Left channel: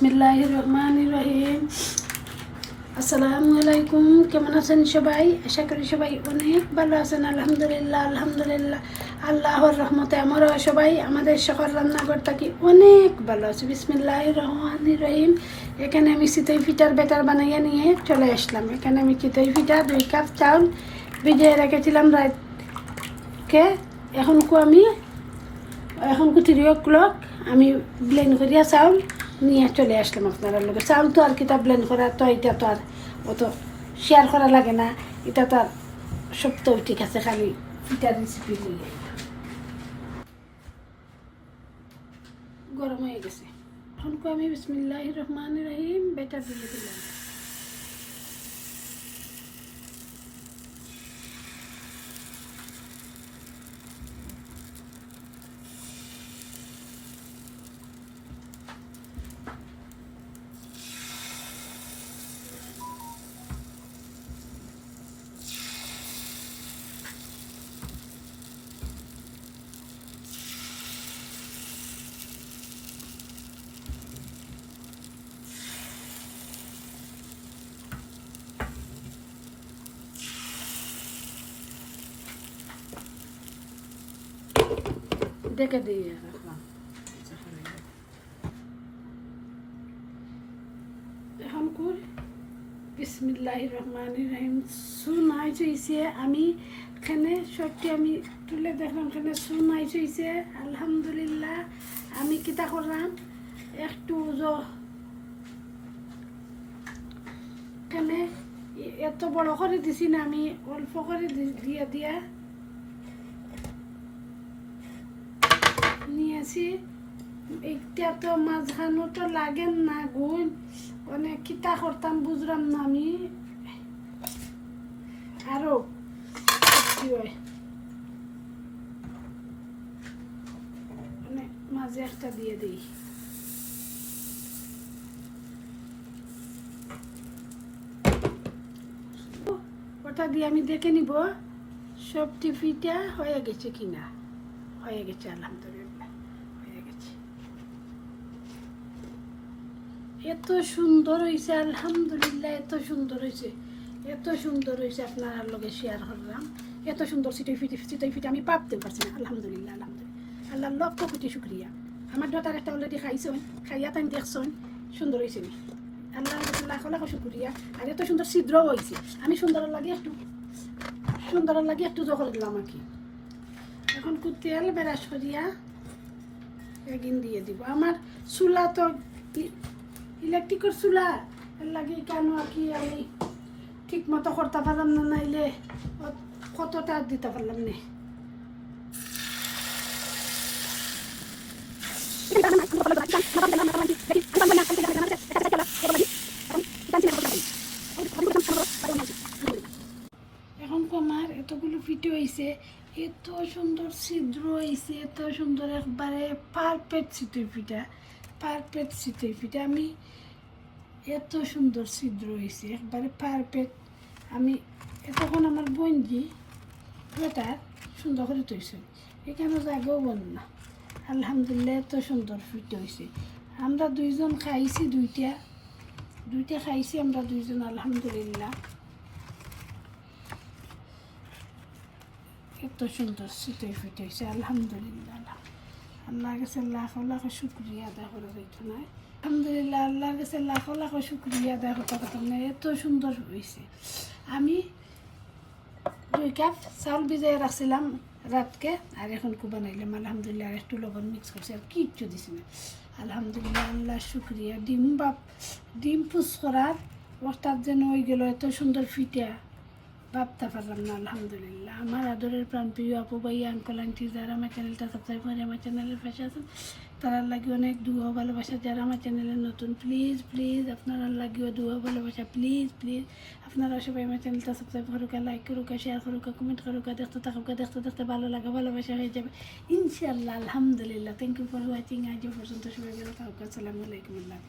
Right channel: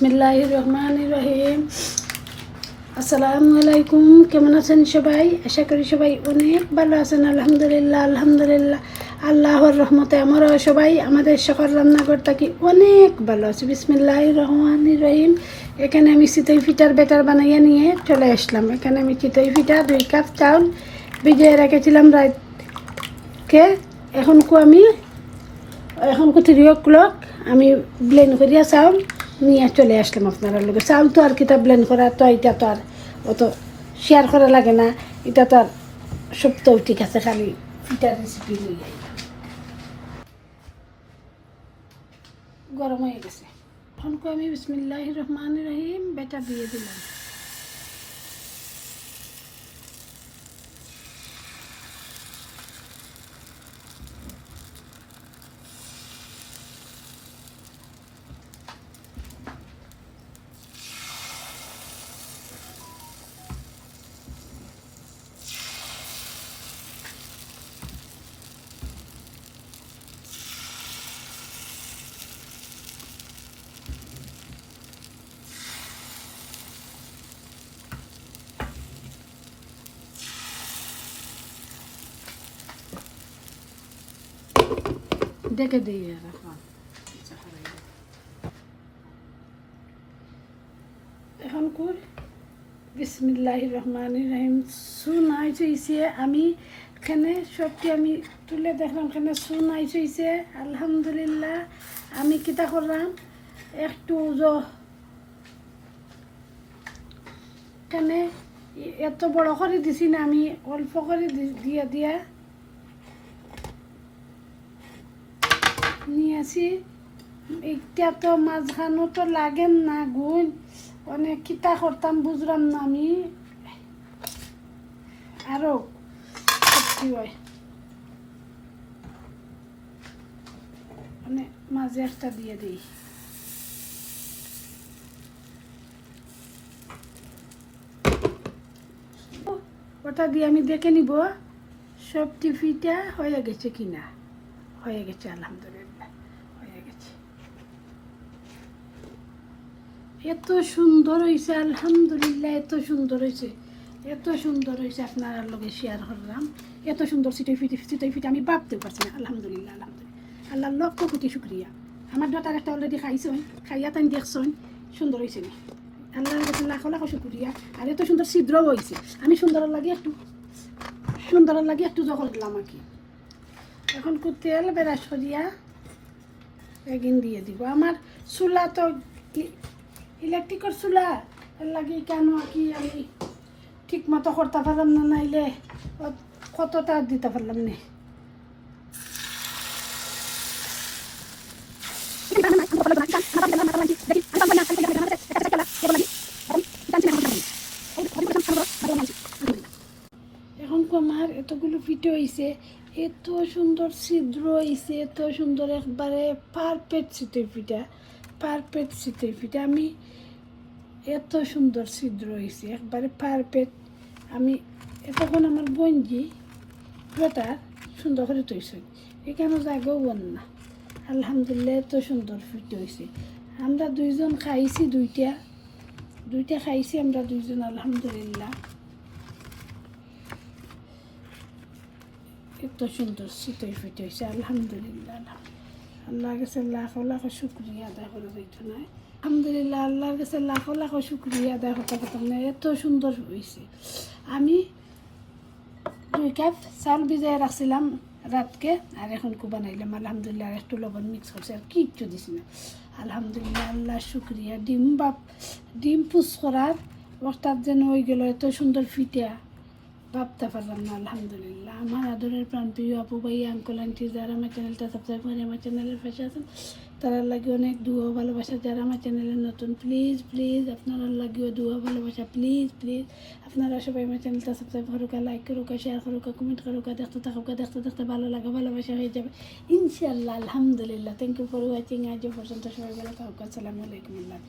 বিসমিল্লাহ রহমান রহিম আসসালামু আলাইকুম কেমন আছেন সবাই? আশা করি সবাই অনেক ভালো আছেন, আলহামদুলিল্লাহ আলহামদুলিল্লাহ। আল্লাহর রহমতে আমরাও সবাই, আমাদের সকল রান্নাঘর থাকি অনেক ভালো আছে। বিসমিল্লাহ রহমান রহিম এখানে আমি চিতই ফিটার বেটার বানাইয়া নিয়ে চলে আসলাম। এখানে আমি চিতই ফিটা দুই কাপ চাউল ভিজিয়ে রেখেছিলাম রাতকে এখন কো আমি এখন থ্রি ও ক্লক আমি ব্লেন্ড করিয়া চাউল নিয়ে চলে আসলাম আপনারা লোকের চাউল তো আর কিতা ব্ল্যান করা, তো এটা তো আর অত শেয়ার করা লাগে না। এটা তো আর সব তো ঠিক আছে, খালি এটা রেসিপি নিয়ে। গরম হয়ে গেছে। আমি বিসমিল্লাহ রহমান রহিম, বেটা দিয়ে দিলাম। ডেকে দিয়ে রাখলাম এখন কুর বিসমিল্লাহ রহমান রহিম। সুনাই চইছে। আমি এখানে সত্যি আমি তুলে দেখলাম, এখানে সুনাই চইছে। আলহামদুলিল্লাহ, আমি কিতা করলাম? একটু এখানে এত বড় করে দিছি না আমি, অল্প করে দি- দিয়ে। নিয়েছি এটা তো মাঝখানো তো লাগেন না গুণ। অনেক কিতা করতাম, বুঝলাম না আমি। আরও মানে মাঝে একটা দিয়ে দিই। ওটা দিয়ে আমি দেখে নিব, সব টিফিটা হয়ে গেছে কিনা। হয়ে গেছে, আলহামদুলিল্লাহ হয়ে গেছে এত সুন্দর হয়েছে আলহামদুলিল্লাহ, এত সুন্দর হয়েছে এত সুন্দর হয়েছে আপনার লগে শেয়ার করলাম। এত সুন্দর সিটে ফিটে সিটে ফিটে, আমি ভাবতে পারছি না, আলহামদুলিল্লাহ আলহামদুলিল্লাহ। আল্লাহ লক্ষ কোটি শুক্রিয়া। আমার ডটার একটা অলরেডি খাইছেন, খাইয়া তাই দেখছেন, সুন্দর হয়েছে আল্লাহ লাখ লাখ শুক্রিয়া। আর এত সুন্দর ছিদ্র হয়েছে আমি সুন্দর লাগে একটু, সুন্দর লাগে একটু জগল দিলাম আর কি। এখন তেল বেরাস করিয়া এগিন দিয়ে দিব। আমার চুলা তো ইলেকট্রিকের চুলা লাগে কেন কি আমি ঠিক মতো করতে পারলাম না নাইলে কতটা দিতে পারলাম না? এখন আমার এতগুলো ফিটে হয়েছে এত সুন্দর ছিদ্র হয়েছে এত সুন্দর একবারে পারফেক্ট শীতের পিঠা পারফেক্ট শীতের পিঠা আমি এত সুন্দর ছিদ্র হয়েছে একবারে পারফেক্ট আমি তখন আমার বঞ্জি বেটার সুন্দর করে তৈছে এখানে জায়গাও বন না। আলহামদুলিল্লাহ এত সুন্দর ফিট হয়েছে আমরা দুইজন খাইছি দুইটা। দুইটা খাইছি আমরা দুইজন, আলহামদুলিল্লাহ। এত সুন্দর শীতই ফিট হয়েছে আলহামদুলিল্লাহ। আল্লাহ কাছে লাখ লাখ শুক্রিয়া আদায় করে দেখতে নাই আলহামদুলিল্লাহ, আল্লাহর কাছে লাখ লাখ শুক্রিয়া আদায় করতে করতে না এত সুন্দর হয়েছে আমি দুই কাপ চাউল ভিজাই রাখছিলাম রাতকে, আর এখন কু বানাইলাম আলহামদুলিল্লাহ, আর একটু লবণ মিক্স করছে আর কিচ্ছু দিছি না। আলহামদুলিল্লাহ আল্লাহ শুক্রিয়া। ডিম বাপ, ডিম পুষ করার অর্থাৎ যেন ওই গেল এত সুন্দর ফিটিয়া ভাবতে পারলাম না, আলহামদুলিল্লাহ। আমার আদরের প্রাণ, প্রিয় আপু, ভাই আঙ্কল আন্টি যারা আমার চ্যানেলটা সাবস্ক্রাইব করে, আমার চ্যানেলের পাশে আছেন তারা লাগে অনেক দুয়ো, ভালোবাসা। যারা আমার চ্যানেলে নতুন প্লিজ প্লিজ আপনারা লাগিও দুয়ো, ভালোবাসা। প্লিজ প্লিজ আপনারা সবাই আমার চ্যানেলটা সাবস্ক্রাইব করুক লাইক করুক শেয়ার করুক কমেন্ট করুক দেখতে থাকুক দেখতে দেখতে ভালো লাগে, ভালোবাসা হয়ে যাবে। ইনশাল্লাহ আলহামদুলিল্লাহ। থ্যাংক ইউ ফর ওয়াচিং আজ পর্যন্ত সবাই ভালো থাকুক। আসসালামু আলাইকুম। আল্লাহ।